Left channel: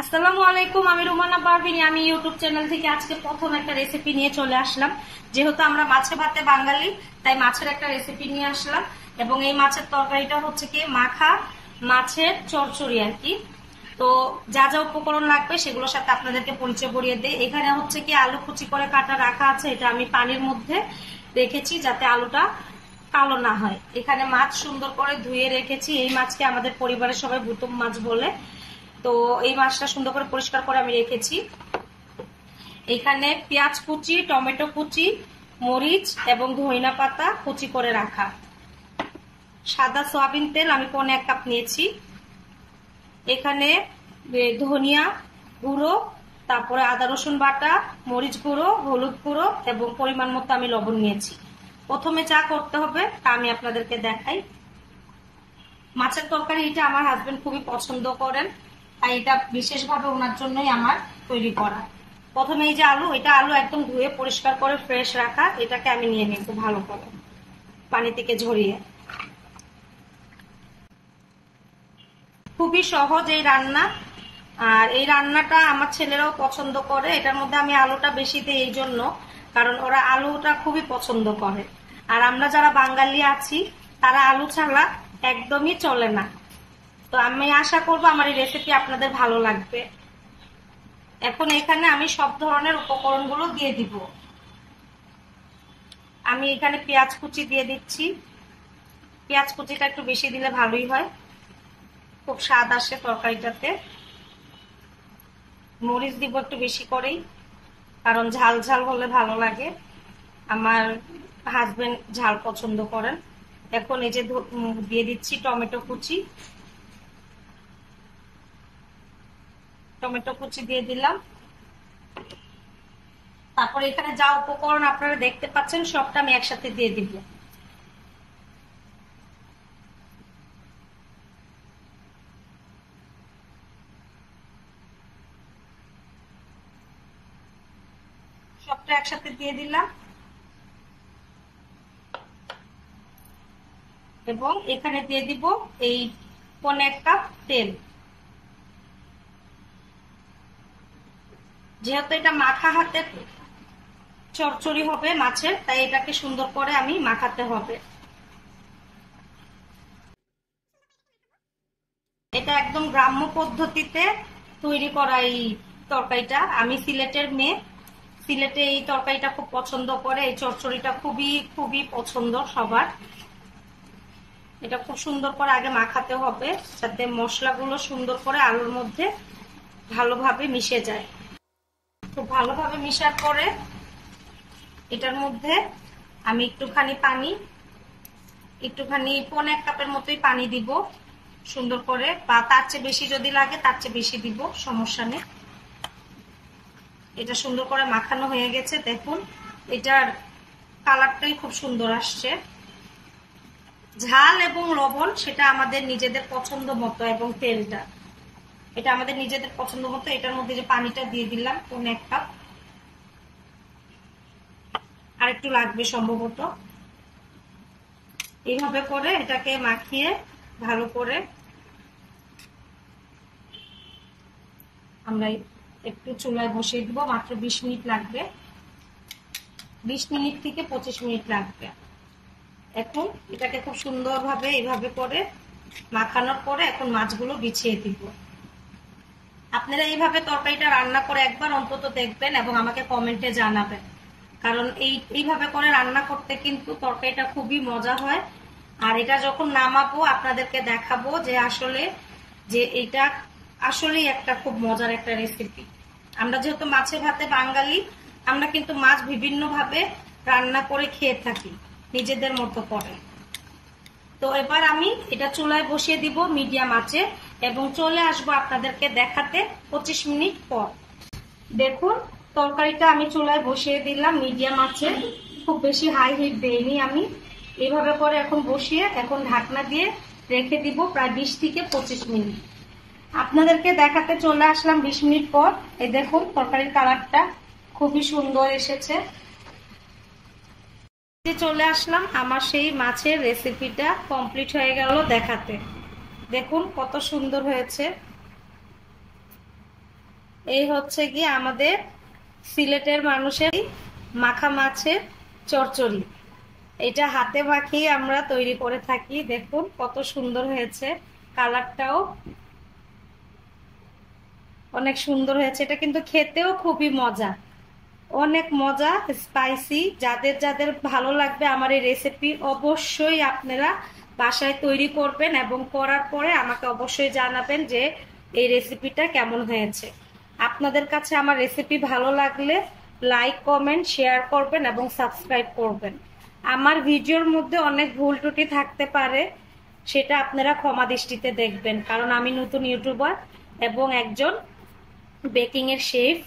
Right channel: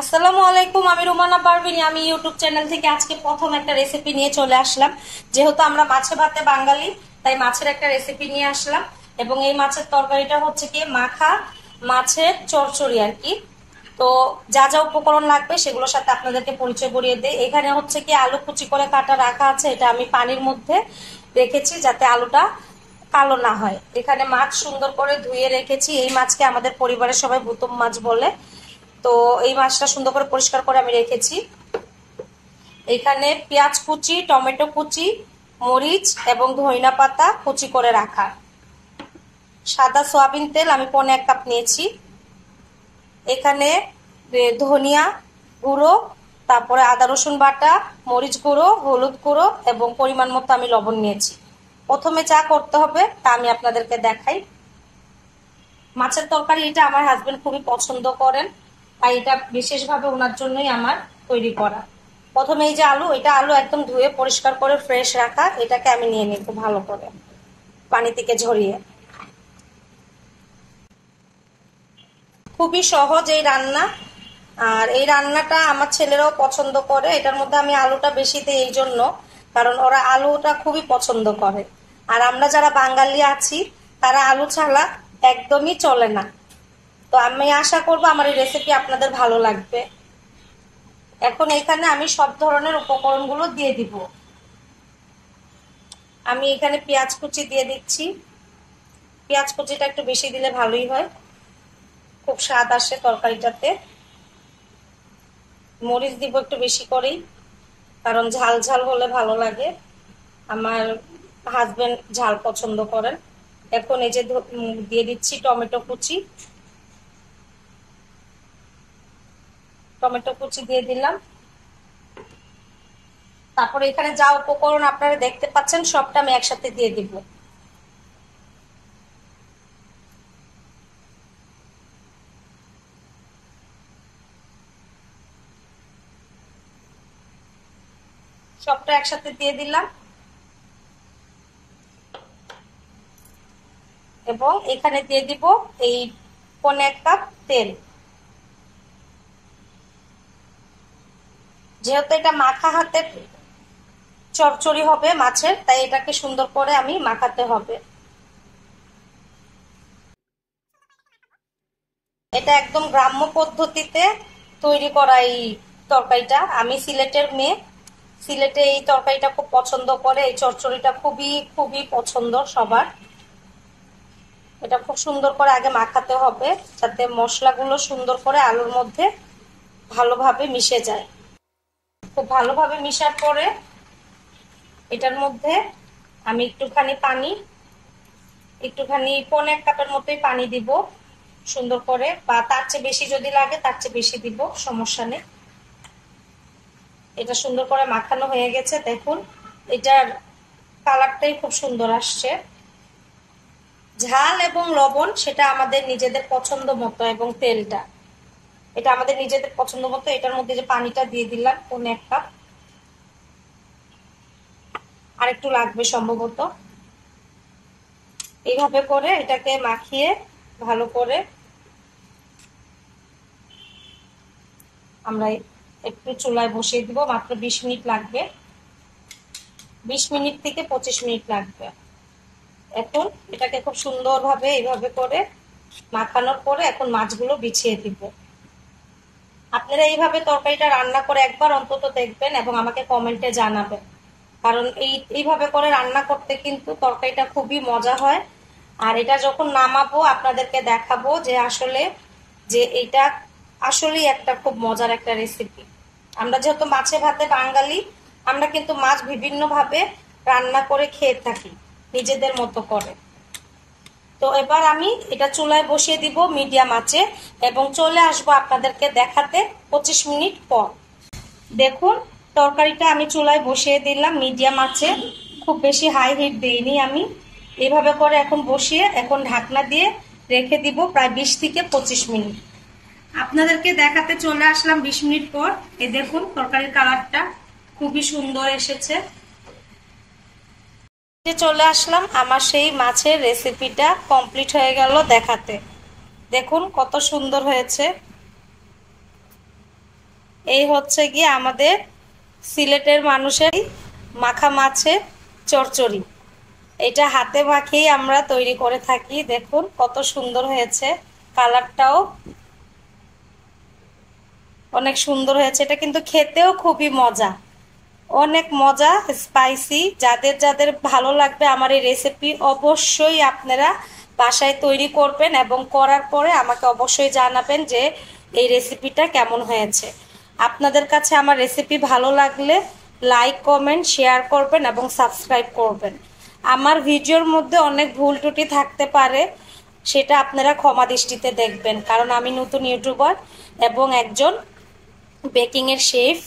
আসসালামু আলাইকুম, আমি রুমানা পারভিনী। আমি ইউটিউব চ্যানেল থেকে আজকে প্রথম একটা রেসিপি নিয়ে চলে আসলাম। যেহেতু আমরা মাছে ভাতে বাঙালি, তাই মাছের একটা রেসিপি নিয়ে আসলাম। এবং এই মাছের তরকারিটা হচ্ছে কি মাখা মাছের চচ্চড়ি আর কি। তো যা যা উপকরণ লাগবে সেগুলোর সাথে আপনাদেরকে পরিচয় করিয়ে দেই। এখানে হচ্ছে কি আলু কুচি করে কাটা রাখা আছে, এটা আমি পানির মধ্যে রেখেছি যাতে আলুটা কালো না হয়। এখানে মাছ সুন্দর করে ধুয়ে রেখেছি। এই মাছকে আমাদের পরিবারের সবাই বুতুম মাছ বলে। তো এই মাছটা সুন্দর করে পরিষ্কার করে আমি রেখেছি। এখানে পেঁয়াজ কুচি, টমেটো কুচি, মরিচ এবং ধনিয়া পাতা কুচি করে রাখা। সাদা সয়াবিন তেল আমি 1.5 কাপ নিয়েছি। এখানে ধনিয়া গুঁড়ো, তারপরে আদা রসুন বাটা, মরিচ গুঁড়ো, হলুদ গুঁড়ো এবং পরিমাণ মতো আমি লবণ নিয়েছি। প্রথমে যা করতে হবে তা আমি আপনাদেরকে দেখাই। মাছের তরকারি এটা আমার হাজবেন্ড খুবই পছন্দ করেন, তাই এটা বিশেষভাবে ওনার জন্যই আমার তৈরি করা। প্রথমে এই যে আলু, এটা আলু একদম ধুয়ে পরিষ্কার করে ফ্রেশ রাখা, এটাকে আমি নিয়ে নিই খুব ভালো করে পানি থেকে ঝরিয়ে। খুবই সহজ এই রান্না, আর এই রান্নাটা আমার ছেলেরাও পছন্দ করে। এটার মধ্যে আমি আলুটা বেশি দিই এই জন্য, কারণ ওরা আলুটা খুবই পছন্দ করে। আর আমরা যারা বাঙালি আছি তারা আলু ছাড়া একদমই চলে না। তো আমি আশা করবো আমার এই রেসিপি আপনাদের ভালো লাগবে। এখন এখানে আমি সব ধরনের উপকরণগুলো দিয়ে দিব। আমি এখানে পেঁয়াজ কুচি দিয়ে দিচ্ছি। পেঁয়াজ কুচিটা একটু বেশি দিলে ভালোই হয়, খুব স্বাদ আসে তরকারিটাতে। মরিচ দিব একটু বেশি করেই, কারণ ঝাল ঝাল হলে ভালো লাগে। আমার হাজবেন্ড ঝাল পছন্দ করেন। এখন এই যে দিয়ে দিচ্ছি টমেটো কুচি। টমেটো কুচি দিয়ে দিলাম। তারপরে এখানে যা উপকরণ আপনারা দেখতে পাচ্ছেন সবটা আমি একসাথে দিয়ে দিব। সবটা একসাথে দিয়ে দিলাম এবং এখানে দিয়ে দিব এই 1.5 কাপ তেল। যেহেতু এটা মাখা হাতের চচ্চড়ি হবে মাছের, তাই এটাকে সুন্দর করে আমি মাখাতে হবে। এটা একদম গ্রাম্য পদ্ধতিতে তৈরি করা এই তরকারিটা। আমি সিলেটের মেয়ে, সিলেটে এই তরকারিটা খুব পছন্দ করে। এই চচ্চড়িটা খুবই খুবই পছন্দ সবার। এটা খুব সুন্দর করে আগে মাখাতে হবে যাতে মশলাগুলো সুন্দর করে আলুর মধ্যে ভালোভাবে মিশে যায়। খুব ভালোভাবে মিশার পরে এটার মধ্যে আমি একটুখানি 1.5 কাপের মতোই পানি দিব সুন্দর করে, বা তার চেয়ে বেশি যদি লাগে তার চেয়ে বেশি দিব, সমস্যা নেই। এটা সুন্দর করে মাখানো হয়ে গেছে। দেখুন এটার কালারটাই খুব সুন্দর আসছে। ঝাল এবং লবণ সেটা আমাদের নিজেদের পছন্দ মতো, এবং তেলটা এটা আমাদের নিজেদের পছন্দ মতো। এটার মধ্যে যে পানিটা দিয়ে দিলাম 1.5 কাপ, আর একটু লাগবে সম্ভবত। এইভাবে করে এটাকে মাখিয়ে ভালো করে আমরা একটু চুলায় বসিয়ে দিব। মাত্র 20 মিনিট লাগবে, 20 মিনিট থেকে 25 মিনিট লাগবে। এখন এটাকে খুব সুন্দরভাবে এইভাবে করে মাখানোর পরে এখন মাছগুলো বিছিয়ে দিব। আপনারা এইভাবে তরকারিটা রান্না করে একবার অন্তত দেখবেন এবং আমাকে কমেন্টে জানাবেন, কারণ এইভাবে করে রান্না করতে কিন্তু তরকারিটা খুবই মজা হয়। আর এটা যখন নামাবো আপনাদেরকে দেখাবো যে আসলে যে এটা আসলেই একটা খুব মজার একটা রেসিপি। আমরা যেহেতু মাছে ভাতে বাঙালি, আমরা কিন্তু মাছ বিভিন্নভাবে রান্না করে খেয়ে থাকি নিজেদের মতো করে। তো এবার আমি এটা চুলায় বসিয়ে দিব মিডিয়াম আঁচে, এবং চলে আসবো আপনাদেরকে দেখাতে 25 মিনিট পর। দেখুন তরকারিটা আমি চুলায় বসিয়ে দিলাম মিডিয়াম আঁচে, খুব বেশি হাই হিট দেইনি আমি। এইভাবে করে এখন বসিয়ে এখন ঢাকনা দিয়ে রেখে দিব প্রায় 20 থেকে 25 মিনিট। আপনাদেরকে দেখাতে চলে আসলাম 20 মিনিট পর। এই দেখুন তরকারির কালারটা খুবই সুন্দর এসেছে। চলে আসলাম আমার সেই মাছের রেসিপিটা কমপ্লিট হয়ে গেল দেখাতে। দেখুন কত সুন্দর হয়েছে। এই হচ্ছে কি আমাদের সিলেটের মানুষের মাখা মাছের চচ্চড়ি। এটা হাতে মাখিয়ে আমরা তৈরি করে থাকি। দেখুন কত সুন্দর হয়েছে, কালারটাও অনেক সুন্দর হয়েছে। এটা কিন্তু খেতেও খুবই মজা, অনেক মজা, স্পাইসি। যাদের যাদের ভালো লাগবে আমার এই রেসিপি, অবশ্যই আপনারা বাসায় তৈরি করবেন এবং করার পরে আমাকে অবশ্যই জানাবেন যে এই রেসিপিটা কেমন হয়েছে। আপনাদের কাছে আমার রেসিপি ভালো লাগলে লাইক, কমেন্ট, শেয়ার করবেন এবং সাবস্ক্রাইব করবেন। আমার ভিডিওর মধ্যে অনেক ভুল ত্রুটি থাকতে পারে, সেটা আপনারা ক্ষমা দৃষ্টিতে দেখবেন, কারণ আমি নতুন ইউটিউবার এবং একজন বেকিংয়ের শেফ।